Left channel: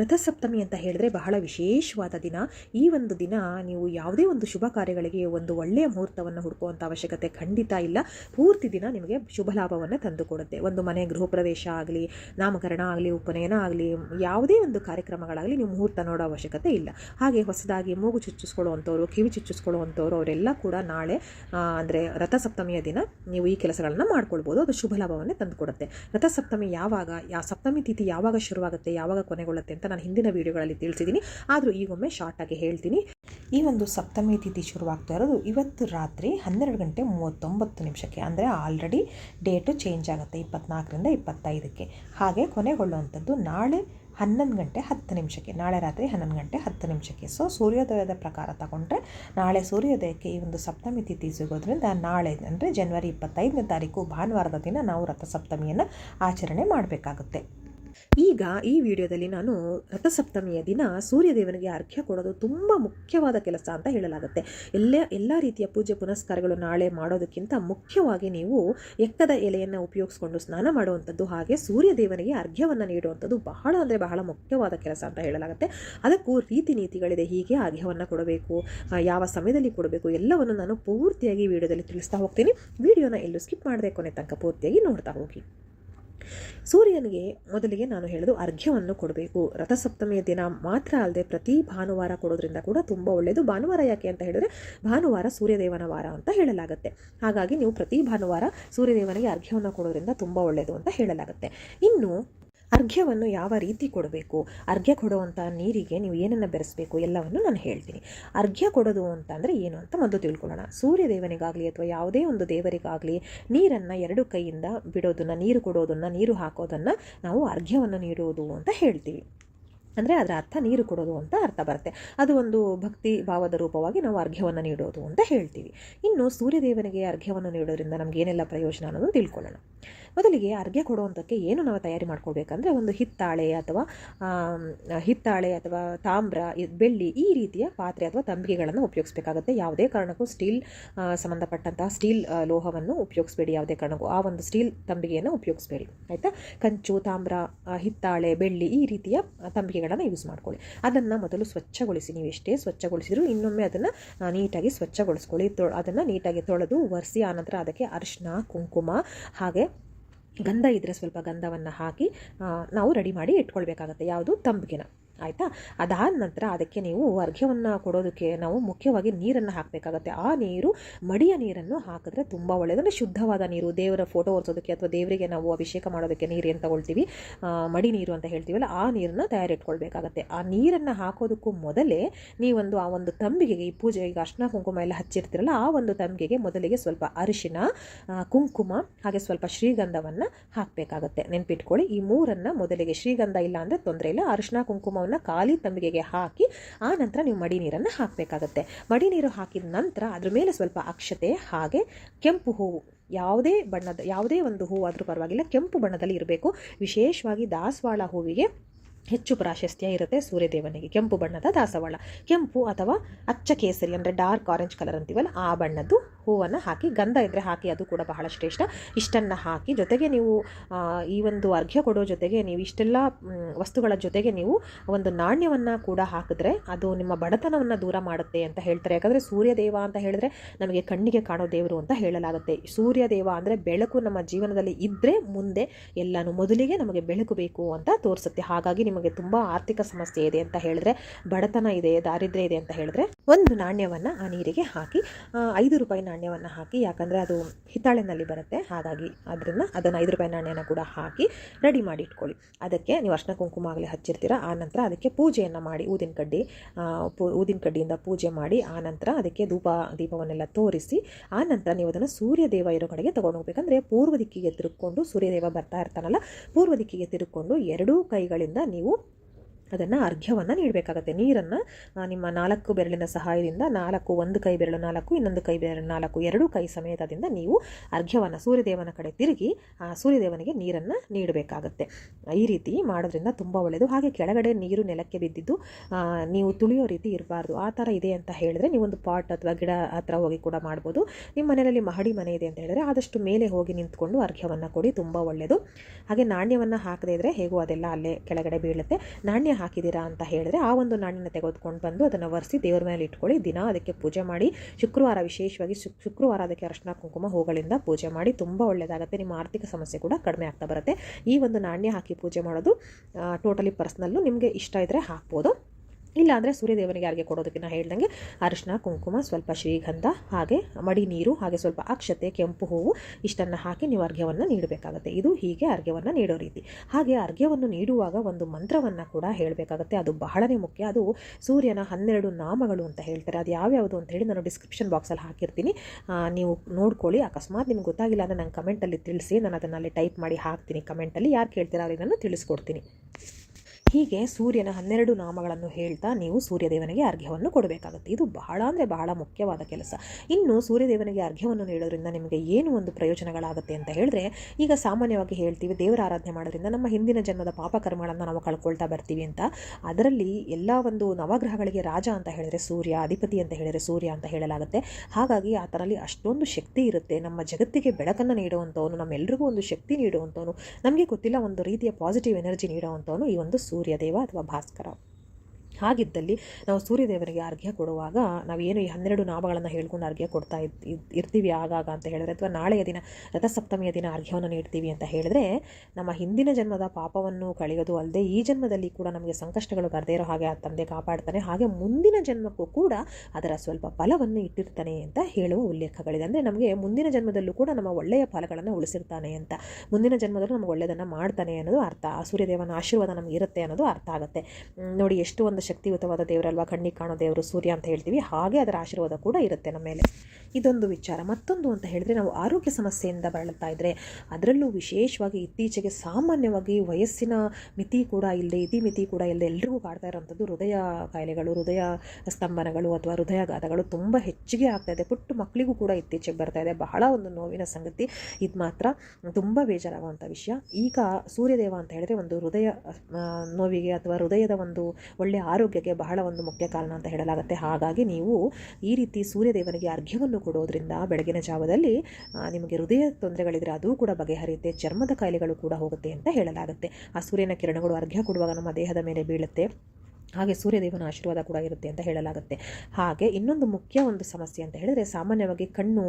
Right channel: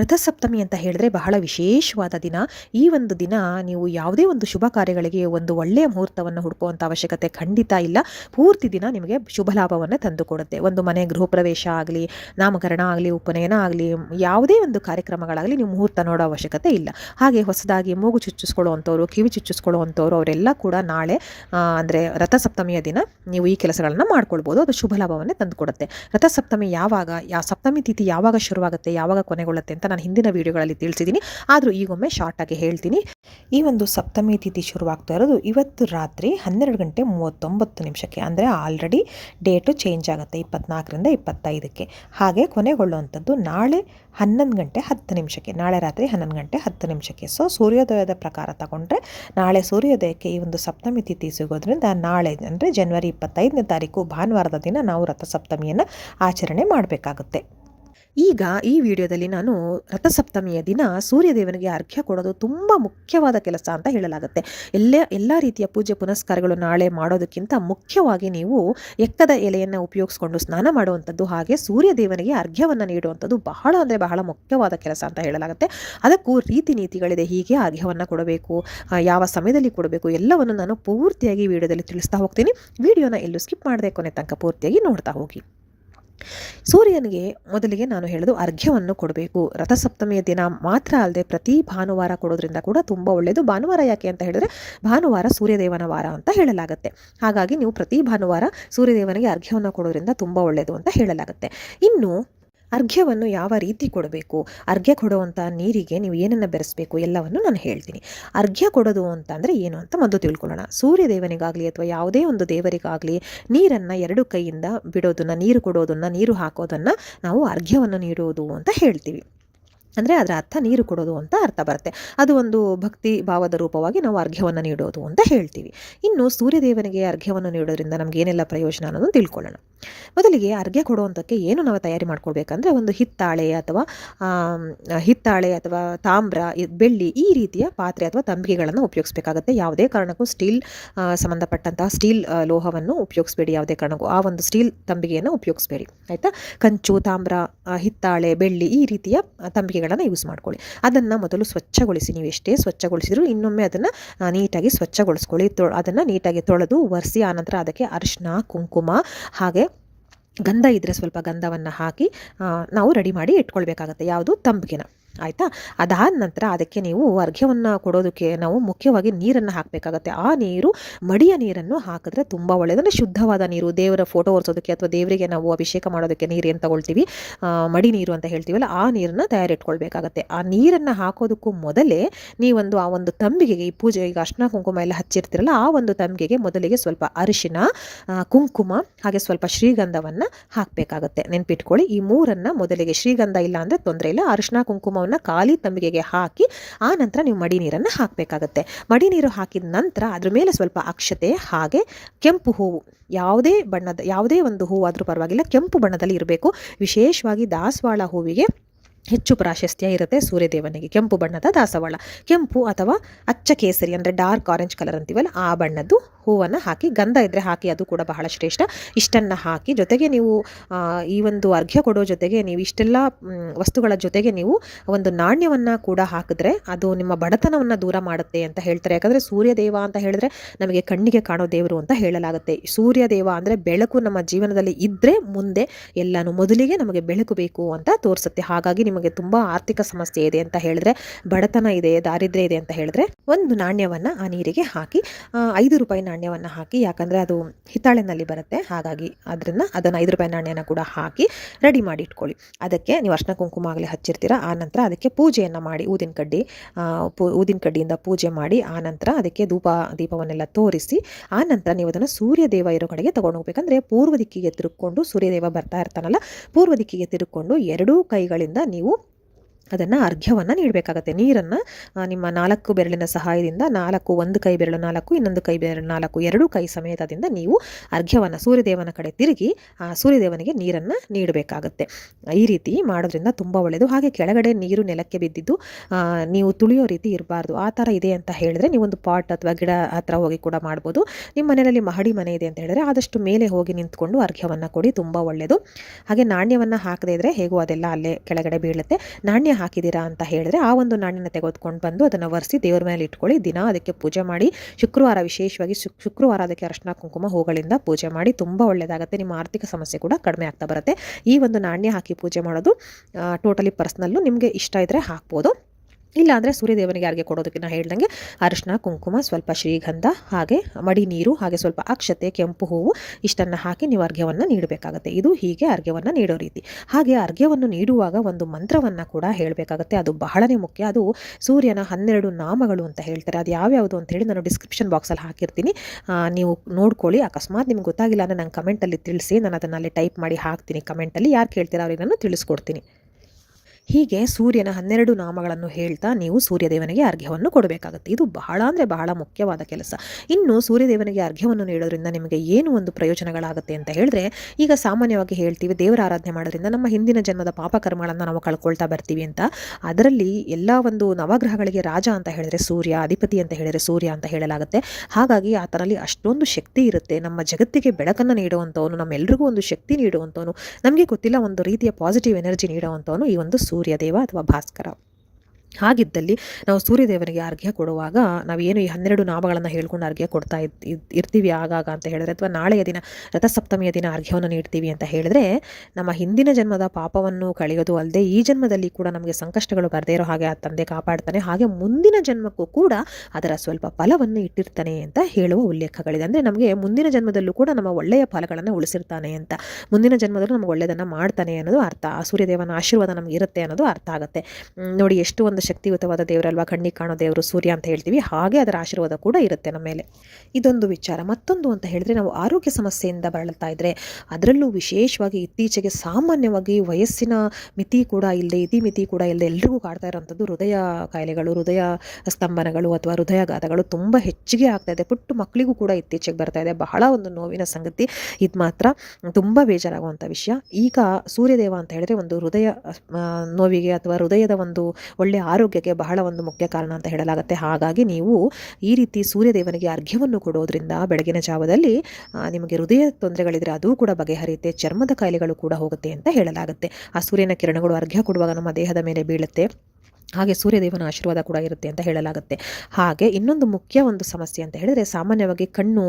ರಥಸಪ್ತಮಿ ಅಂತ ಹೇಳಿದ್ರೆ ಬಹಳ ವಿಶೇಷವಾದ ದಿನ. ಈ ಒಂದು ದಿನ ನೀವು ಯಾವುದೇ ಒಂದು ಶುಭ ಕಾರ್ಯಗಳಿಗೆ ಒಂದು ಒಳ್ಳೆಯ ಮುಹೂರ್ತವನ್ನು ಹುಡುಕುವಂಥ ಅವಶ್ಯಕತೆ ಖಂಡಿತ ಇಲ್ಲ. ಪೂರ್ತಿ ದಿನ ನಿಮಗೆ ಶುಭ ಲಾಭವನ್ನು ತಂದುಕೊಡುತ್ತೆ ಒಂದು ಮನೆ ಗೃಹ ಪ್ರವೇಶ ಆಗಲಿ, ನಾಮಕರಣ ಆಗಲಿ, ಉಪನಯನ ಆಗಲಿ, ಯಾವುದೇ ಒಂದು ಕಾರ್ಯಕ್ರಮಗಳಾಗಲಿ ನೀವು ಮುಹೂರ್ತ ನೋಡೋ ಅವಶ್ಯಕತೆ ಇಲ್ಲ. ಹಾಗೆ ಹೊಸದಾಗಿ ಮೂಗು ಚುಚ್ಚಿಸ್ಕೊಳ್ಳುವಂಥವ್ರು, ಕಿವಿ ಚುಚ್ಚಿಸ್ಕೊಳ್ಳುವಂಥವ್ರು ಅವರೆಲ್ಲ ಕೂಡ ನಾಳೆ ಅಂದರೆ ರಥಸಪ್ತಮಿಯ ದಿನ ನೀವು ಈ ಕೆಲಸಗಳನ್ನು ಮಾಡ್ಕೊಳ್ಬೋದು. ಅದು ಶುಭ ಲಾಭವನ್ನೇ ತಂದುಕೊಡುತ್ತೆ ರಥಸಪ್ತಮಿ ಯಾವಾಗ ಯಾವ ಸಪ್ತಮಿ ತಿಥಿ ಯಾವಾಗ ಶುರುವಾಗುತ್ತೆ, ಯಾವಾಗ ಕೊನೆಗೊಳ್ಳುತ್ತೆ ಅಂತ ನಾನು ಹಿಂದಿನ ವೀಡಿಯೋಗಳಲ್ಲಿ ತಿಳಿಸಿದ್ದೀನಿ. ಆದರೂ ಈಗೊಮ್ಮೆ ಶಾರ್ಟಾಗಿ ಹೇಳ್ತೀನಿ. ಈ ಒಂದು ಸಪ್ತಮಿ ತಿಥಿ ಶುರುವಾಗ್ತಾ ಇರೋದು ಇವತ್ತು ರಾತ್ರಿ ಹನ್ನೆರಡು ಗಂಟೆ ಮೂವತ್ತೊಂಬತ್ತು ನಿಮಿಷಕ್ಕೆ. ಅಂದರೆ ಆಲ್ರೆಡಿ ಡೇಟು ಚೇಂಜ್ ಆಗುತ್ತೆ ಇಪ್ಪತ್ನಾಲ್ಕರಿಂದ ಇಪ್ಪತ್ತೈದಕ್ಕೆ. ಹಾಗೆ ಕೊನೆಗೊಳ್ಳುವಂಥದ್ದು ನಾಳೆ ಹನ್ನೊಂದು ಗಂಟೆ ಹತ್ತು ನಿಮಿಷಕ್ಕೆ. ನಾಳೆ ರಾತ್ರಿ ಹನ್ನೊಂದು ಗಂಟೆ ಹತ್ತು ನಿಮಿಷಕ್ಕೆ. ಸೊ ಸೂರ್ಯೋದಯದ ಪ್ರಕಾರ ತಗೊಂಡ್ರೆ ನಾಳೆ ಸೂರ್ಯೋದಯಕ್ಕೆ ಈ ಒಂದು ಸಪ್ತಮಿ ತಿಥಿ ಸಿಗೋದ್ರಿಂದ ನಾಳೆ ಅಂದರೆ ಜನವರಿ ಇಪ್ಪತ್ತೈದನೇ ತಾರೀಕು ಭಾನುವಾರದ ದಿನ ನಾವು ರಥಸಪ್ತಮಿಯನ್ನು ಆಚರಣೆ ಮಾಡಬೇಕಾಗುತ್ತೆ. ಈಗ ಈ ವಿಡಿಯೋದಲ್ಲಿ ನಾನು ರಥಸಪ್ತಮಿಯ ದಿನ ಸೂರ್ಯದೇವನಿಗೆ ಅರ್ಘ್ಯ ಕೊಡೋದು ತುಂಬ ಮುಖ್ಯವಾದ ಕೆಲಸ ಅಂತ ಹೇಳಲಾಗುತ್ತೆ. ಎಲ್ಲ ಎಲ್ಲ ರೀತಿಯ ಪೂಜೆ ಪುನಸ್ಕಾರಗಳು ನಾಳೆ ಮಾಡೋದಕ್ಕಿಂತ ಮುಖ್ಯವಾಗಿ ನೀವು ಎಕ್ಕದ ಎಲೆಯನ್ನು ಉಪಯೋಗಿಸ್ಕೊಂಡು ಸ್ನಾನ ಮಾಡುವಂಥದ್ದು ಹಾಗೆ ಸೂರ್ಯದೇವನಿಗೆ ಅರ್ಘ್ಯವನ್ನು ನೀಡುವಂಥದ್ದು ಬಹಳ ಅಂದರೆ ಬಹಳ ಮುಖ್ಯವಾದ ಕೆಲಸ ಅಂತ ಹೇಳಲಾಗುತ್ತೆ. ಅದಕ್ಕೂ ರೀತಿ ನೀತಿಗಳಿದೆ. ಹೀಗೆ ಅರ್ಘ್ಯವನ್ನು ಕೊಡಬೇಕು ಯಾವ ಸಮಯದಲ್ಲಿ ಕೊಡಬೇಕು ಎಲ್ಲವನ್ನು ನಾನು ಪೂರ್ತಿಯಾಗಿ ವಿಡಿಯೋದಲ್ಲಿ ತಿಳಿಸ್ತಾ ಹೋಗ್ತೀನಿ. ವಿಡಿಯೋನ ಎಲ್ಲೂ ಸ್ಕಿಪ್ ಮಾಡದೆ ಕೊನೆ ತನಕ ಪೂರ್ತಿಯಾಗಿ ನೋಡ್ತಾ ಹೋಗಿ. ಸೂರ್ಯನಿಗೆ ಮೊದಲಿಗೆ ನಾನು ಹೇಳೋದು ಅರ್ಘ್ಯವನ್ನು ಕೊಡಬೇಕು. ರಥಸಪ್ತಮಿಯ ದಿನ ಮಾತ್ರ ಅಲ್ಲದೆ ಪ್ರತಿ ಭಾನುವಾರ ಕೊಡೋದ್ರಿಂದ ಕೂಡ ತುಂಬ ಒಳ್ಳೆಯದು ಭಾನುವಾರ ಯಾಕೆ ಅಂತ ಹೇಳಿದ್ರೆ ಭಾನುವಾರ ಸೂರ್ಯದೇವನ ವಾರ ಅಂತ ಹೇಳಲಾಗುತ್ತೆ. ಹಾಗಾಗಿ ನೀವು ಪ್ರತಿ ಭಾನುವಾರ ಸೂರ್ಯದೇವನಿಗೆ ಅರ್ಘ್ಯವನ್ನು ಕೊಡೋದ್ರಿಂದ ತುಂಬ ಒಳ್ಳೆಯದು ಅಂತ ಹೇಳಲಾಗುತ್ತೆ. ಇನ್ನು ಅರ್ಘ್ಯವನ್ನು ಯಾವ ರೀತಿ ಕೊಡಬೇಕು? ಅರ್ಘ್ಯ ಕೊಡುವಂಥ ನೀರಿಗೆ ನೀವು ಏನನ್ನು ಬೆರೆಸಬೇಕು? ಎಲ್ಲವನ್ನು ನಾನು ಹೇಳ್ತೀನಿ. ಅರ್ಘ್ಯ ಕೊಡೋದು ಅಂತ ಏನು ಅಂತ ಮೊದಲು ತಿಳ್ಕೊಳ್ಳೋಣ. ಸೂರ್ಯದೇವನಿಗಾಗಲಿ ಅಥವಾ ಯಾವುದೇ ಒಂದು ದೇವರಿಗಾಗಲಿ ನೀರನ್ನು ಎರಡು ಕೈಯಿಂದ ಬಿಡೋದನ್ನು, ನೀರು ಕೊಡೋದನ್ನು, ನೀರು ಹಾಕೋದನ್ನು ನಾವು ಅರ್ಘ್ಯವನ್ನು ನೀಡುವುದು ಅಂತ ಹೇಳ್ತೀವಿ. ಅಂದರೆ ಅದರ ಅರ್ಥ ನೀರು ಕೊಡೋದು ಅಂತ ಅರ್ಥ ಬರುತ್ತೆ. ಅದು ಒಂದು ಭಕ್ತಿ ಭಾವದ ರೂಪವಾಗಿ ನಾವು ಅರ್ಘ್ಯವನ್ನು ನೀಡೋದು ಅಂತ ಹೇಳ್ತೀವಿ. ಇನ್ನು ಸೂರ್ಯದೇವನಿಗೆ ಅರ್ಘ್ಯವನ್ನು ನೀಡೋದ್ರಿಂದ ನಮಗೇನೆಲ್ಲ ಪ್ರಯೋಜನ ಅನ್ನೋದನ್ನು ತಿಳ್ಕೊಳ್ಳೋಣ. ಮೊದಲಿಗೆ ಅರ್ಗೆ ಕೊಡುವಂಥಕ್ಕೆ ಏನು ನಾವು ತಯಾರಿ ಮಾಡ್ಕೊಳ್ಬೇಕಂದ್ರೆ ಒಂದು ಹಿತ್ತಾಳೆ ಅಥವಾ ಹಿತ್ತಾಳೆ ಅಥವಾ ತಾಮ್ರ ಬೆಳ್ಳಿ ಈ ರೀತಿಯ ಪಾತ್ರೆ ಅಥವಾ ತಂಬಿಗೆಗಳನ್ನು ಉಪಯೋಗಿಸ್ಬೇಕಾಗುತ್ತೆ. ಯಾವುದೇ ಕಾರಣಕ್ಕೂ ಸ್ಟೀಲ್ ಸಂಬಂಧಪಟ್ಟಂತಹ ಸ್ಟೀಲ್ ಲೋಹವನ್ನು ಉಪಯೋಗಿಸ್ಬೇಡಿ. ಯಾವುದೇ ಕಾರಣಕ್ಕೂ ಆ ಒಂದು ಸ್ಟೀಲ್ ತಂಬಿಗೆಯನ್ನು ಉಪಯೋಗಿಸ್ಬೇಡಿ. ಆಯಿತಾ? ಕಂಚು, ತಾಮ್ರ ಹಿತ್ತಾಳೆ, ಬೆಳ್ಳಿ ಈ ರೀತಿಯ ತಂಬಿಗೆಗಳನ್ನು ಯೂಸ್ ಮಾಡ್ಕೊಳ್ಳಿ. ಅದನ್ನು ಮೊದಲು ಸ್ವಚ್ಛಗೊಳಿಸಿ. ನೀವು ಎಷ್ಟೇ ಸ್ವಚ್ಛಗೊಳಿಸಿದ್ರು ಇನ್ನೊಮ್ಮೆ ಅದನ್ನು ನೀಟಾಗಿ ಸ್ವಚ್ಛಗೊಳಿಸ್ಕೊಳ್ಳಿ. ತೊ ಅದನ್ನು ನೀಟಾಗಿ ತೊಳೆದು, ಒರೆಸಿ ಆನಂತರ ಅದಕ್ಕೆ ಅರಿಶಿನ ಕುಂಕುಮ ಹಾಗೆ ಗಂಧ ಇದ್ದರೆ ಸ್ವಲ್ಪ ಗಂಧವನ್ನು ಹಾಕಿ ನಾವು ರೆಡಿ ಮಾಡಿ ಇಟ್ಕೊಳ್ಬೇಕಾಗತ್ತೆ. ಯಾವುದು? ತಂಬಿಗೆನ. ಆಯಿತಾ? ಅದಾದ ನಂತರ ಅದಕ್ಕೆ ನೀವು ಅರ್ಘ್ಯವನ್ನು ಕೊಡೋದಕ್ಕೆ ನಾವು ಮುಖ್ಯವಾಗಿ ನೀರನ್ನು ಹಾಕಬೇಕಾಗತ್ತೆ. ಆ ನೀರು ಮಡಿಯ ನೀರನ್ನು ಹಾಕಿದ್ರೆ ತುಂಬ ಒಳ್ಳೆಯದು ಅಂದರೆ ಶುದ್ಧವಾದ ನೀರು, ದೇವರ ಫೋಟೋ ಒರೆಸೋದಕ್ಕೆ ಅಥವಾ ದೇವರಿಗೆ ನಾವು ಅಭಿಷೇಕ ಮಾಡೋದಕ್ಕೆ ನೀರು ಏನು ತಗೊಳ್ತೀವಿ? ಮಡಿ ನೀರು ಅಂತ ಹೇಳ್ತೀವಲ್ಲ, ಆ ನೀರನ್ನು ತಯಾರಿಟ್ಕೊಳ್ಬೇಕಾಗತ್ತೆ. ಆ ನೀರನ್ನು ಹಾಕೋದಕ್ಕೂ ಮೊದಲೇ ನೀವೊಂದು ಆ ಒಂದು ತಂಬಿಗೆಗೆ, ಈ ಪೂಜೆ ಈಗ ಅರ್ಶಿನ ಕುಂಕುಮ ಎಲ್ಲ ಹಚ್ಚಿರ್ತೀರಲ್ಲ, ಆ ಒಂದು ತಂಬಿಗೆಗೆ ಮೊದಲಿಗೆ ಸ್ವಲ್ಪ ಅರಿಶಿನ ಕುಂಕುಮ, ಹಾಗೆ ಸ್ವಲ್ಪ ಶ್ರೀಗಂಧವನ್ನು ಹಾಕಬೇಕಾಗತ್ತೆ. ನೆನ್ಪಿಟ್ಕೊಳ್ಳಿ, ಈ ಮೂರನ್ನು ಮೊದಲಿಗೆ ಶ್ರೀಗಂಧ ಇಲ್ಲ ಅಂದರೆ ತೊಂದರೆ ಇಲ್ಲ. ಅರಿಶಿನ ಕುಂಕುಮವನ್ನು ಖಾಲಿ ತಂಬಿಗೆಗೆ ಹಾಕಿ, ಆ ನಂತರ ನೀವು ಮಡಿ ನೀರನ್ನು ಹಾಕಬೇಕಾಗತ್ತೆ. ಮಡಿ ನೀರು ಹಾಕಿದ ನಂತರ ಅದ್ರ ಮೇಲೆ ಸ್ವಲ್ಪ ಅಕ್ಷತೆ, ಹಾಗೆ ಕೆಂಪು ಹೂವು, ಯಾವುದೇ ಬಣ್ಣದ, ಯಾವುದೇ ಒಂದು ಹೂವು ಆದರೂ ಪರವಾಗಿಲ್ಲ, ಕೆಂಪು ಬಣ್ಣದಲ್ಲಿ ಇರಬೇಕು. ವಿಶೇಷವಾಗಿ ದಾಸವಾಳ ಹೂವಿಗೆ ಹೆಚ್ಚು ಪ್ರಾಶಸ್ತ್ಯ ಇರುತ್ತೆ ಸೂರ್ಯದೇವನಿಗೆ. ಕೆಂಪು ಬಣ್ಣದ ದಾಸವಾಳ. ಕೆಂಪು ಅಥವಾ ಅಚ್ಚ ಕೇಸರಿ ಅಂದರೆ ಡಾರ್ಕ್ ಆರೆಂಜ್ ಕಲರ್ ಅಂತೀವಲ್ಲ, ಆ ಬಣ್ಣದ್ದು ಹೂವನ್ನು ಹಾಕಿ, ಗಂಧ ಇದ್ದರೆ ಹಾಕಿ ಅದು ಕೂಡ ಬಹಳ ಶ್ರೇಷ್ಠ. ಇಷ್ಟನ್ನು ಹಾಕಿ ಜೊತೆಗೆ ನೀವು ಈ ಒಂದು ಅರ್ಘ್ಯ ಕೊಡೋ ಜೊತೆಗೆ ನೀವು ಇಷ್ಟೆಲ್ಲ ವಸ್ತುಗಳ ಜೊತೆಗೆ ನೀವು ಒಂದು ನಾಣ್ಯವನ್ನು ಕೂಡ ಹಾಕಿದ್ರೆ ಅದು ನಿಮ್ಮ ಬಡತನವನ್ನು ದೂರ ಮಾಡುತ್ತೆ ಅಂತ ಹೇಳ್ತಾರೆ. ಯಾಕಂದರೆ ಸೂರ್ಯದೇವ ಅಂತ ಹೇಳಿದ್ರೆ ನಮಗೆ ಕಣ್ಣಿಗೆ ಕಾಣೋ ದೇವರು ಅಂತ ಹೇಳಲಾಗುತ್ತೆ. ಸೂರ್ಯದೇವ ಅಂದರೆ ಬೆಳಕು ನಮ್ಮ ಜೀವನದಲ್ಲಿ ಇದ್ದರೆ ಮುಂದೆ ಎಲ್ಲನೂ ಮೊದಲಿಗೆ ನಮಗೆ ಬೆಳಕು ಬೇಕು ಅಂತ ತೋರಿಸುತ್ತೆ. ಹಾಗಾಗಿ ನಿಮಗೆ ತುಂಬ ಆರ್ಥಿಕ ಸಮಸ್ಯೆ ಇದೆ ಅಂತ ಹೇಳಿದ್ರೆ, ಬಡತನ ಇದೆ, ದಾರಿದ್ರ್ಯ ಇದೆ ಅಂತ ಹೇಳಿದ್ರೆ, ಒಂದು ನಾಣ್ಯವನ್ನು ಆ ನೀರಿಗೆ ಹಾಕಿ ಐದು ರೂಪಾಯಿ ನಾಣ್ಯವನ್ನು ಹಾಕಿ, ಯಾಕಂದರೆ ಅದು ಹಿತ್ತಾಳೆನಲ್ಲಿ ಬರುತ್ತೆ, ಹಾಗಾಗಿ ಅದರಿಂದ ಅದನ್ನು ಐದು ರೂಪಾಯಿ ನಾಣ್ಯನ ಕೂಡ ಹಾಕಿ ರೆಡಿ ಮಾಡಿ ಇಟ್ಕೊಳ್ಳಿ. ಅದಕ್ಕೆ ನೀವು ಅರ್ಶನ ಕುಂಕುಮ ಆಗಲಿ ಹಚ್ಚಿರ್ತೀರ, ಆ ನಂತರ ಅದಕ್ಕೆ ಪೂಜೆಯನ್ನು ಮಾಡಿ, ಊದಿನ ಕಡ್ಡಿ ಊದಿನ ಕಡ್ಡಿಯಿಂದ ಪೂಜೆ ಮಾಡಿ, ಆ ನಂತರ ಅದಕ್ಕೆ ಧೂಪ, ದೀಪವನ್ನೆಲ್ಲ ತೋರಿಸಿ, ಆ ನಂತರ ನೀವು ಅದನ್ನು ಸೂರ್ಯದೇವ ಇರೋ ಕಡೆಗೆ ತಗೊಂಡು ಹೋಗ್ಬೇಕಂದ್ರೆ ಪೂರ್ವ ದಿಕ್ಕಿಗೆ ತಿರುಕೊಂಡು ಸೂರ್ಯದೇವ ಬರ್ತಾ ಇರ್ತಾನಲ್ಲ, ಪೂರ್ವ ದಿಕ್ಕಿಗೆ ತಿರುಕೊಂಡು ಎರಡೂ ಕೈಗಳಿಂದ ನೀವು ಅದನ್ನು ಅರ್ಘ್ಯವನ್ನು ನೀಡಬೇಕಾಗತ್ತೆ. ನೀರನ್ನು ನಿಮ್ಮ ನಾಲ್ಕು ಬೆರಳಿನ ಸಹಾಯದಿಂದ ನಾಲ್ಕು ಒಂದು ಕೈ ಬೆರಳು ನಾಲ್ಕು, ಇನ್ನೊಂದು ಕೈ ಬೆರಳು ನಾಲ್ಕು, ಎರಡು ಕೈ ಸಮೇತದಿಂದ ನೀವು ಅರ್ಘ್ಯವನ್ನು ಸೂರ್ಯದೇವನ ಕಡೆ ತಿರುಗಿ, ಆ, ಸೂರ್ಯದೇವನಿಗೆ ನೀರನ್ನು ನೀಡಬೇಕಾಗತ್ತೆ. ಈ ರೀತಿ ಮಾಡೋದ್ರಿಂದ ತುಂಬ ಒಳ್ಳೆಯದು ಹಾಗೆ ಕೆಳಗಡೆ ನೀರು ನೆಲಕ್ಕೆ ಬಿದ್ದಿದ್ದು ನೀವು ತುಳಿಯೋ ರೀತಿ ಇರಬಾರ್ದು. ಆ ಥರ ಇದೆ ಅಂತ ಹೇಳಿದ್ರೆ ನೀವೊಂದು ಪಾಟ್ ಅಥವಾ ಗಿಡ ಹತ್ರ ಹೋಗಿ ಕೂಡ ಮಾಡ್ಬೋದು. ನಿಮ್ಮ ಮನೆಯಲ್ಲಿ ಮಹಡಿ ಮನೆ ಇದೆ ಅಂತ ಹೇಳಿದ್ರೆ ಆದಷ್ಟು ಮೇಲೆ ಹೋಗಿ ನಿಂತ್ಕೊಂಡು ಅರ್ಘ್ಯವನ್ನು ಕೊಡಿ, ತುಂಬ ಒಳ್ಳೆಯದು ಹಾಗೆ ನಾಣ್ಯವನ್ನು ಹಾಕದೇ ಇದ್ದರೆ ಹೇಗೂ ಅದೆಲ್ಲ ಅಲ್ಲೇ ಕೆಳಗಡೆ ಬೀಳುತ್ತೆ. ನಾಣ್ಯ ಹಾಕಿದ್ದೀರಾ ಅಂತ ಹೇಳಿದ್ರೆ ಆ ಒಂದು ನಾಣ್ಯನ ತೆಗೆದುಕೊಂಡು ಬಂದು ಅದನ್ನು ಒರೆಸಿ ದೇವರ ಮೇಲೆ ಇಟ್ಕೊಳ್ಳಿ. ದಿನ ಅದಕ್ಕೆ ಪೂಜೆ ಮಾಡಿ, ಶುಕ್ರವಾರ ವಿಶೇಷವಾಗಿ ಶುಕ್ ಶುಕ್ರವಾರ ಅದಕ್ಕೆ ಅರಿಶಿನ, ಕುಂಕುಮ, ಹೂಗಳಿಂದ ಪೂಜೆ ಮಾಡಿ ತುಂಬ ಒಳ್ಳೆಯದಾಗುತ್ತೆ ನಿಮ್ಮ ಆರ್ಥಿಕ ಸಮಸ್ಯೆ ಕೂಡ ಕಡಿಮೆ ಆಗ್ತಾ ಬರುತ್ತೆ. ಈ ಒಂದು ನಾಣ್ಯ ಹಾಕಿ ಪೂಜೆ ಮಾಡೋದು ಟೋಟಲಿ ಪರ್ಸ್ನಲ್ಲು ನಿಮಗೆ ಇಷ್ಟ ಇದ್ದರೆ ಹಾಕ್ಬೋದು. ಇಲ್ಲಾಂದರೆ ಸೂರ್ಯದೇವನಿಗೆ ಅರ್ಗೆ ಕೊಡೋದಕ್ಕೆ ನಾನು ಹೇಳ್ದಂಗೆ ಅರಿಶಿನ ಕುಂಕುಮ, ಸ್ವಲ್ಪ ಶ್ರೀಗಂಧ, ಹಾಗೆ ಮಡಿ ನೀರು, ಹಾಗೆ ಸ್ವಲ್ಪ ಅಕ್ಷತೆ, ಕೆಂಪು ಹೂವು, ಇಷ್ಟನ್ನು ಹಾಕಿ ನೀವು ಅರ್ಘ್ಯವನ್ನು ನೀಡಬೇಕಾಗುತ್ತೆ. ಇದು ಹೀಗೆ ಅರ್ಘ್ಯವನ್ನು ನೀಡೋ ರೀತಿ. ಹಾಗೆ ಅರ್ಘ್ಯವನ್ನು ನೀಡುವಾಗ ಒಂದು ಮಂತ್ರವನ್ನು ಕೂಡ ಹೇಳಬೇಕಾಗುತ್ತೆ. ಅದು ಬಹಳನೇ ಮುಖ್ಯ. ಅದು ಸೂರ್ಯನ ಹನ್ನೆರಡು ನಾಮಗಳು ಅಂತ ಹೇಳ್ತಾರೆ. ಅದು ಯಾವ್ಯಾವುದು ಅಂತ ಹೇಳಿ ನಾನು ಡಿಸ್ಕ್ರಿಪ್ಷನ್ ಬಾಕ್ಸಲ್ಲಿ ಹಾಕಿರ್ತೀನಿ. ನೀವು ನೋಡ್ಕೊಳ್ಳಿ. ಅಕಸ್ಮಾತ್ ನಿಮ್ಗೆ ಗೊತ್ತಾಗಿಲ್ಲ ಅಂದರೆ ನಂಗೆ ಕಮೆಂಟಲ್ಲಿ ತಿಳಿಸಿ. ನಾನು ಅದನ್ನು ಅಲ್ಲಿ ಟೈಪ್ ಮಾಡಿ ಹಾಕ್ತೀನಿ. ಕಮೆಂಟಲ್ಲಿ ಯಾರು ಕೇಳ್ತೀರ ಅವ್ರಿಗೆ ನಾನು ತಿಳಿಸ್ಕೊಡ್ತೀನಿ. ಹೀಗೆ ಸೂರ್ಯನ ಹನ್ನೆರಡು ನಾಮಗಳನ್ನು ಹೇಳ್ತಾ ನೀವು ಸೂರ್ಯದೇವನಿಗೆ ಅರ್ಘ್ಯವನ್ನು ಕೊಡಬೇಕಾಗುತ್ತೆ. ಇದು ಬಹಳ ಅಂದರೆ ಬಹಳ ಮುಖ್ಯವಾದ ಕೆಲಸ. ಇನ್ನು ಸೂರ್ಯದೇವನಿಗೆ ಅರ್ಘ್ಯವನ್ನು ನೀಡೋದ್ರಿಂದ ನಿಮಗೆ ಏನು ಒಂದು ಪ್ರಯೋಜನಗಳಾಗುತ್ತೆ ಅಂತ ಹೇಳಿದ್ರೆ, ಈಗ ಸಾಮಾನ್ಯವಾಗಿ ಹೇಳ್ತೀವಿ, ದೇವರ ಆರಾಧನೆ ಮಾಡೋದ್ರಿಂದ ನಮ್ಮ ಹಿಂದಿನ ಜನ್ಮದ ಪಾಪಕರ್ಮಗಳನ್ನು ನಾವು ಕಳ್ಕೊಳ್ತಾ ಬರ್ತೀವಿ ಅಂತ. ಅದರಲ್ಲಿ ಎಲ್ಲ ಒಂದು ನವಗ್ರಹಗಳಿಗೆ ರಾಜ ಅಂತ ಹೇಳಿದ್ರೆ ಸೂರ್ಯ, ಅಧಿಪತಿ ಅಂತ ಹೇಳಿದರೆ ಸೂರ್ಯ ಅಂತ ಹೇಳಲಾಗುತ್ತೆ. ಹಾಗಾಗಿ ಆತನಲ್ಲಿ ಅಷ್ಟೊಂದು ಶಕ್ತಿ ಇರುತ್ತೆ. ನಮ್ಮ ಜಗತ್ತಿಗೆ ಬೆಳಕನ್ನು ನೀಡುವಂಥವನು ನಮ್ಮೆಲ್ಲರಿಗೂ ಒಂದು ಶಕ್ತಿ ನೀಡುವಂಥವನು ನಮಗೆ ಗೊತ್ತಿಲ್ಲ ಒಂದು ರೀತಿಯ ಪಾಸಿಟಿವ್ ಎನರ್ಜಿ ನೀಡುವಂಥವನು ಈ ಒಂದು ಸೂರ್ಯದೇವ ಅಥವಾ ಭಾಸ್ಕರ. ಹಾಗಿದ್ದಲ್ಲಿ ನಾವು ಸೂರ್ಯದೇವನಿಗೆ ಅರ್ಘ್ಯ ಕೊಡುವಾಗ ನಾವೇನು ಈ ಹನ್ನೆರಡು ನಾಭಗಳನ್ನು ಹೇಳ್ಕೊಂಡು ಅರ್ಘ್ಯ ಕೊಡ್ತಾ ಇರ್ತೀವಿ ಆಗಾಗ ಅಂತ ಹೇಳಿದ್ರೆ ಅಥವಾ ನಾಳೆಯ ದಿನ ರಥಸಪ್ತಮಿಯ ದಿನ ಅರ್ಘ್ಯವನ್ನು ನೀಡ್ತೀವಿ ಅಂತ ಹೇಳಿದ್ರೆ ನಮ್ಮ ಹಿಂದಿನ ಜನ್ಮದ ಪಾಪವನ್ನು ಕಳೆಯೋದು ಅಲ್ಲದೆ ಈ ಜನ್ಮದಲ್ಲಿ ಕೂಡ ನಮಗೆ ಸಂಕಷ್ಟಗಳು ಬರದೇ ಇರೋ ಹಾಗೆ ಆ ತಂದೆ ಕಾಪಾಡ್ತಾನೆ. ಹಾಗೆ ಮುಂದಿನ ಜನ್ಮಕ್ಕೂ ಕೂಡ ಅದರ ಸ್ವಲ್ಪ ಫಲವನ್ನು ಇಟ್ಟಿರ್ತಾನೆ ಅಂತ ಹೇಳುವ ಉಲ್ಲೇಖಗಳಿದೆ. ಅಂದರೆ ನಮಗೆ ಮುಂದಿನ ಜನ್ಮದಲ್ಲೂ ಕೂಡ ನಮ್ಮ ಒಳ್ಳೆಯ ಫಲಗಳನ್ನು ಉಳಿಸಿರ್ತಾನೆ ಅಂತ. ಮುಂದಿನ ಜನ್ಮದಲ್ಲೂ ನಮಗೆ ಒಳ್ಳೆಯದನ್ನು ಮಾಡ್ತಾನೆ ಅನ್ನೋದು ಅರ್ಥ. ಆ ಸೂರ್ಯದೇವನ ಆಶೀರ್ವಾದ ನಮಗೆ ಇರುತ್ತೆ ಅನ್ನೋದು ಅರ್ಥ ಆಗುತ್ತೆ. ನೋಡಿ, ಎಷ್ಟು ಒಂದು ಶಕ್ತಿಯುತವಾದ ದೇವರಲ್ವಾ? ಕಣ್ಣಿಗೆ ಕಾಣೋ ದೇವರು ಸೂರ್ಯ ಅಂತ ಹೇಳ್ತೀವಿ. ಹಾಗೆ ಅದರ ಆಶೀರ್ವಾದ ಕೂಡ ಇರುತ್ತೆ ನಮ್ಮ ಮೇಲೆ. ಇದೊಂದು ವಿಚಾರ. ಮತ್ತೊಂದು ಅಂತ ಹೇಳಿದ್ರೆ, ನಾವು ಆರೋಗ್ಯ ಸಮಸ್ಯೆಯಿಂದ ಬಳಲ್ತಾ ಇದ್ದರೆ ಅದರಲ್ಲೂ ವಿಶೇಷವಾಗಿ ಇತ್ತೀಚೆಗೆ ಸಾಮಾನ್ಯವಾಗಿ ವಯಸ್ಸಿನ ಮಿತಿ ಕೂಡ ಇಲ್ಲದೆ ಇತಿ ಮಿತಿ ಕೂಡ ಇಲ್ಲದೆ ಎಲ್ರಿಗೂ ಕಾಡ್ತಾ ಇರೋವಂಥದ್ದು ಹೃದಯ ಕಾಯಿಲೆಗಳು, ಹೃದಯ ಸ್ತಂಭನಗಳು ಅಥವಾ ಹೃದಯಘಾತಗಳು ತುಂಬ ಹೆಚ್ಚಿಗೆ ಆಗ್ತಾ ಇದೆ. ಪುಟ್ಟು ಮಕ್ಕಳಿಗೂ ಕೂಡ ಇತ್ತೀಚೆಗೆ ಬರ್ತಾ ಇದೆ. ಬಹಳ ಒಂದು ನೋವಿನ ಸಂಗತಿ. ಇದು ಮಾತ್ರ ತುಂಬ ಬೇಜಾರಾಗುವಂಥ ವಿಷಯ. ಈಗ ಸೂರ್ಯದೇವ ಅಂತ ಹೇಳಿದ್ರೆ ಒಂದು ಹೃದಯ ನೋವಿಗೆ ಅಥವಾ ಹೃದಯದ ಒಂದು ಒಳ್ಳೆಯ ಆರೋಗ್ಯಕ್ಕೆ ಬಹಳ ಒಂದು ಮುಖ್ಯ ಕಾರಣ ಅಂತ ಹೇಳಲಾಗುತ್ತೆ. ಹಾಗಾಗಿ ನೀವು ಈ ರೀತಿ ಸೂರ್ಯದೇವನಿಗೆ ಅರ್ಘ್ಯವನ್ನು ಕೊಡೋದ್ರಿಂದ ಬೆಳಗಿನ ಜಾವದಲ್ಲಿ ನಿಮಗೆ ಹೃದಯ ತೊಂದರೆಗಳಿದ್ರೆ ಅದು ಕೂಡ ಬಗೆಹರಿಯುತ್ತೆ, ಚರ್ಮದ ಕಾಯಿಲೆಗಳು ಕೂಡ ಹೋಗುತ್ತೆ ಅಂತ ಹೇಳಲಾಗುತ್ತೆ. ಆ ಸೂರ್ಯನ ಕಿರಣಗಳು ಅರ್ಘ್ಯ ಕೊಡುವಾಗ ನಮ್ಮ ದೇಹದ ಮೇಲೆ ಬೀಳುತ್ತೆ. ಹಾಗೆ ಸೂರ್ಯದೇವನ ಆಶೀರ್ವಾದ ಕೂಡ ಇರುತ್ತೆ ಅಂತ ಹೇಳಲಾಗುತ್ತೆ. ಹಾಗೆ ಇನ್ನೊಂದು ಮುಖ್ಯ ಒಂದು ಸಮಸ್ಯೆ ಅಂತ ಹೇಳಿದರೆ ಸಾಮಾನ್ಯವಾಗಿ ಕಣ್ಣು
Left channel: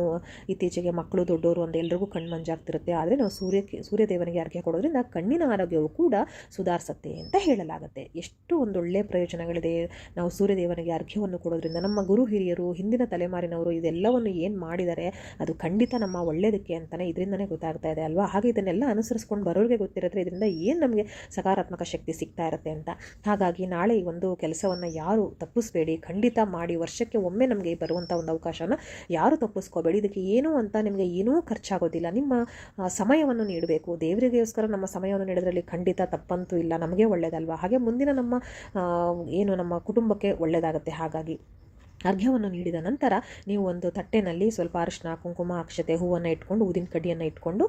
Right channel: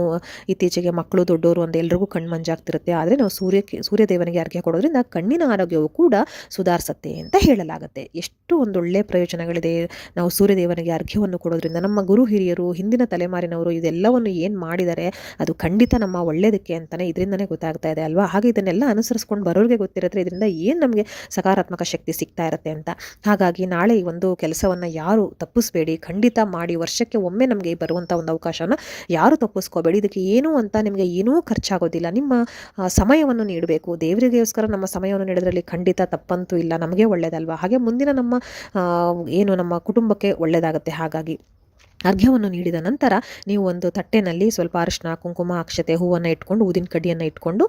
ಇತ್ತೀಚೆಗೆ ಮಕ್ಕಳು ದೊಡ್ಡವರು ಒಂದು ಎಲ್ರಿಗೂ ಕಣ್ಣು ಮಂಜಾಗ್ತಿರುತ್ತೆ. ಆದರೆ ನಾವು ಸೂರ್ಯಕ್ಕೆ ಸೂರ್ಯದೇವನಿಗೆ ಅರ್ಘ್ಯ ಕೊಡೋದ್ರಿಂದ ಕಣ್ಣಿನ ಆರೋಗ್ಯವು ಕೂಡ ಸುಧಾರಿಸುತ್ತೆ ಅಂತ ಹೇಳಲಾಗುತ್ತೆ. ಎಷ್ಟು ಒಂದು ಒಳ್ಳೆಯ ಪ್ರಯೋಜನಗಳಿದೆ ನಾವು ಸೂರ್ಯದೇವನಿಗೆ ಅರ್ಘ್ಯವನ್ನು ಕೊಡೋದ್ರಿಂದ. ನಮ್ಮ ಗುರು ಹಿರಿಯರು, ಹಿಂದಿನ ತಲೆಮಾರಿನವರು ಇದೆಲ್ಲವನ್ನು ಏನು ಮಾಡಿದ್ದಾರೆ, ಅದು ಖಂಡಿತ ನಮ್ಮ ಒಳ್ಳೆಯದಕ್ಕೆ ಅಂತಲೇ ಇದರಿಂದನೇ ಗೊತ್ತಾಗ್ತಾ ಇದೆ ಅಲ್ವಾ? ಹಾಗೆ ಇದನ್ನೆಲ್ಲ ಅನುಸರಿಸ್ಕೊಂಡು ಬರೋರಿಗೆ ಗೊತ್ತಿರುತ್ತೆ, ಇದರಿಂದ ಏನು ನಮಗೆ ಸಕಾರಾತ್ಮಕ ಶಕ್ತಿ ಸಿಗ್ತಾ ಇರುತ್ತೆ ಅಂತ. ಹಾಗಾಗಿ ನಾಳೆ ಒಂದು ಕೆಲಸವನ್ನು ಯಾರು ತಪ್ಪಿಸ್ಬೇಡಿ, ಖಂಡಿತ ಮಾಡಿ ವರ್ಷಕ್ಕೆ ಒಮ್ಮೆ ನಮಗೆ ಬರುವಂಥ ಒಂದು ಅವಕಾಶನ ಯಾರು ತಪ್ಪಿಸ್ಕೋಬೇಡಿ, ಇದಕ್ಕೆ ಏನೂ ಅಂತ ನಿಮಗೆ ಏನೂ ಖರ್ಚಾಗೋದಿಲ್ಲ. ನಿಮ್ಮ ಸಮಯವನ್ನು ನೀಡಬೇಕು. ದೇವರಿಗೋಸ್ಕರ ನಮ್ಮ ಸಮಯವನ್ನು ನೀಡೋದ್ರಲ್ಲಿ ಖಂಡಿತ ತಪ್ಪಂತೂ ಇಲ್ಲ. ನಮಗೆ ಒಳ್ಳೆಯದಲ್ವ ಹಾಗೆ ಮುಂದಿನ ನಮ್ಮ ಏನು ನಮ್ಮ ಕುಟುಂಬಕ್ಕೆ ಒಳ್ಳೆಯದಾಗುತ್ತೆ ಹಾಗಾಗಿ ಅರ್ಘ್ಯವನ್ನು ನೀಡಿದ ನಂತರ ನೀವು ಒಂದು ತಟ್ಟೆನಲ್ಲಿ ಸ್ವಲ್ಪ ಅರಿಶಿನ ಕುಂಕುಮ, ಅಕ್ಷತೆ ಹೂವನ್ನು ಇಟ್ಕೊಂಡು, ಊದಿನ ಕಡ್ಡಿಯನ್ನು ಇಟ್ಕೊಂಡು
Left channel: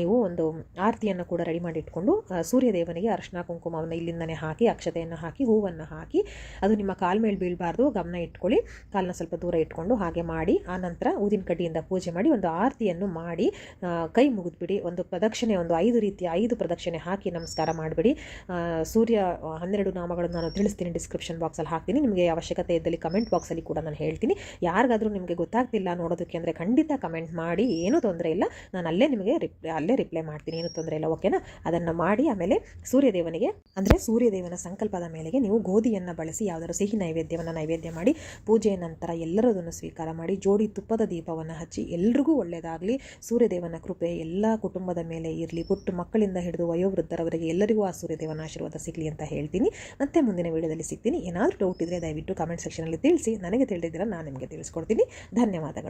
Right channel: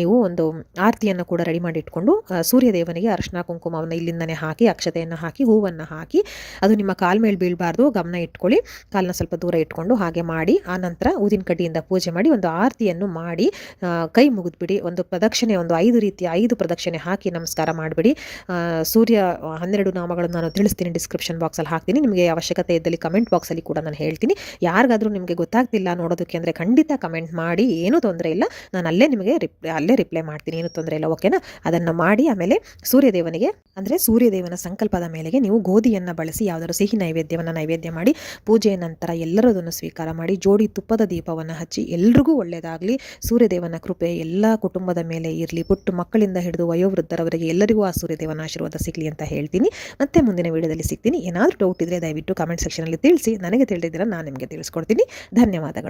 ನೀವು ಒಂದು ಆರತಿಯನ್ನು ಕೂಡ ರೆಡಿ ಮಾಡಿ ಇಟ್ಕೊಂಡು ಸೂರ್ಯದೇವನಿಗೆ ಅರಿಶಿನ ಕುಂಕುಮವನ್ನು ಇಲ್ಲಿಂದನೇ ಹಾಕಿ, ಅಕ್ಷತೆಯನ್ನು ಹಾಕಿ, ಹೂವನ್ನು ಹಾಕಿ, ಅದು ನಿಮ್ಮ ಕಾಲ ಮೇಲೆ ಬೀಳಬಾರ್ದು, ಗಮನ ಇಟ್ಕೊಳ್ಳಿ, ಕಾಲನ್ನ ಸ್ವಲ್ಪ ದೂರ ಇಟ್ಕೊಂಡು ಹಾಗೆ ಮಾಡಿ, ಆ ನಂತರ ಊದಿನ ಕಡ್ಡಿಯಿಂದ ಪೂಜೆ ಮಾಡಿ, ಒಂದು ಆರತಿಯನ್ನು ಮಾಡಿ ಕೈ ಮುಗಿದ್ಬಿಡಿ, ಒಂದು ಪ್ರದಕ್ಷಿಣೆ, ಒಂದು ಐದು ರೀತಿಯ ಐದು ಪ್ರದಕ್ಷಿಣೆ ಹಾಕಿ ನಮಸ್ಕಾರ ಮಾಡಿಬಿಡಿ. ಸೂರ್ಯ ಹನ್ನೆರಡು ನಾಮಗಳನ್ನು ನಾನು ತಿಳಿಸ್ತೀನಿ ಡಿಸ್ಕ್ರಿಪ್ಷನ್ ಬಾಕ್ಸಲ್ಲಿ ಹಾಕ್ತೀನಿ, ನಿಮಗೆ ಅವಶ್ಯಕತೆ ಇದ್ದಲ್ಲಿ ಕಮೆಂಟ್ ಬಾಕ್ಸಲ್ಲಿ ಕೂಡ ನಾನು ಹೇಳ್ತೀನಿ. ಯಾರಿಗಾದರೂ ನಿಮಗೆ ಗೊತ್ತಾಗ್ತಿಲ್ಲ ನೋಡೋದಕ್ಕೆ ಅಂದರೆ ಖಂಡಿತ ಕಮೆಂಟ್ ಮಾಡಿ, ಏನೂ ತೊಂದರೆ ಇಲ್ಲ. ನಾನು ಅಲ್ಲೇ ನಿಮಗೆ ರಿಪ್ಲೈ ಅಲ್ಲೇ ರಿಪ್ಲೈ ಮಾಡ್ತೀನಿ, ಏನೂ ತೊಂದರೆ ಇಲ್ಲ, ಓಕೆನಾ? ಅದನ್ನು ಮಾಡಿ ಆಮೇಲೆ ಸೂರ್ಯದೇವನಿಗೆ, ಅಂದರೆ ಸೂರ್ಯದೇವನ ಸಂಕಲ್ಪದ ಮೇಲೆಗೆ ನೀವು ಗೋಧಿಯನ್ನು ಬಳಸಿ, ಯಾವುದಾದ್ರು ಸಿಹಿ ನೈವೇದ್ಯವನ್ನು ನೈವೇದ್ಯ ಮಾಡಿ, ಪೂಜೆಯ ನಂತರ ಎಲ್ಲರದನ್ನು ಸ್ವೀಕಾರ ಮಾಡಿ, ಜೋಡಿ ತುಪ್ಪದ ದೀಪವನ್ನು ಹಚ್ಚಿ, ಎಲ್ರಿಗೂ ಒಳ್ಳೆಯದಾಗಲಿ ಸೂರ್ಯದೇವನ ಕೃಪೆ ಎಲ್ಲ ಕುಟುಂಬದ ಮೇಲೆ ಇರಲಿ, ಪುಟ್ಟು ಮಕ್ಕಳಿಂದ ಹಿಡಿದು ವಯೋವೃದ್ಧರವರೆಗೆ ಎಲ್ಲರಿಗೂ ಆ ಸೂರ್ಯದೇವನ ಆಶೀರ್ವಾದ ಸಿಗಲಿ ಅಂತ ಹೇಳ್ತೀನಿ. ಮತ್ತೆ ಮುಂದಿನ ವಿಡಿಯೋದಲ್ಲಿ ಸಿಗ್ತೀನಿ. ಏನಾದರೂ ಡೌಟ್ ಇದ್ದರೆ ದಯವಿಟ್ಟು ಕಮೆಂಟ್ ಸೆಕ್ಷನಲ್ಲಿ ತಿಳಿಸಿ. ನನಗೆ ತಿಳಿದಿದ್ದೀರ ನಾನು ನಿಮಗೆ ತಿಳಿಸ್ಕೊಡ್ತೀನಿ. ಧನ್ಯವಾದಗಳು.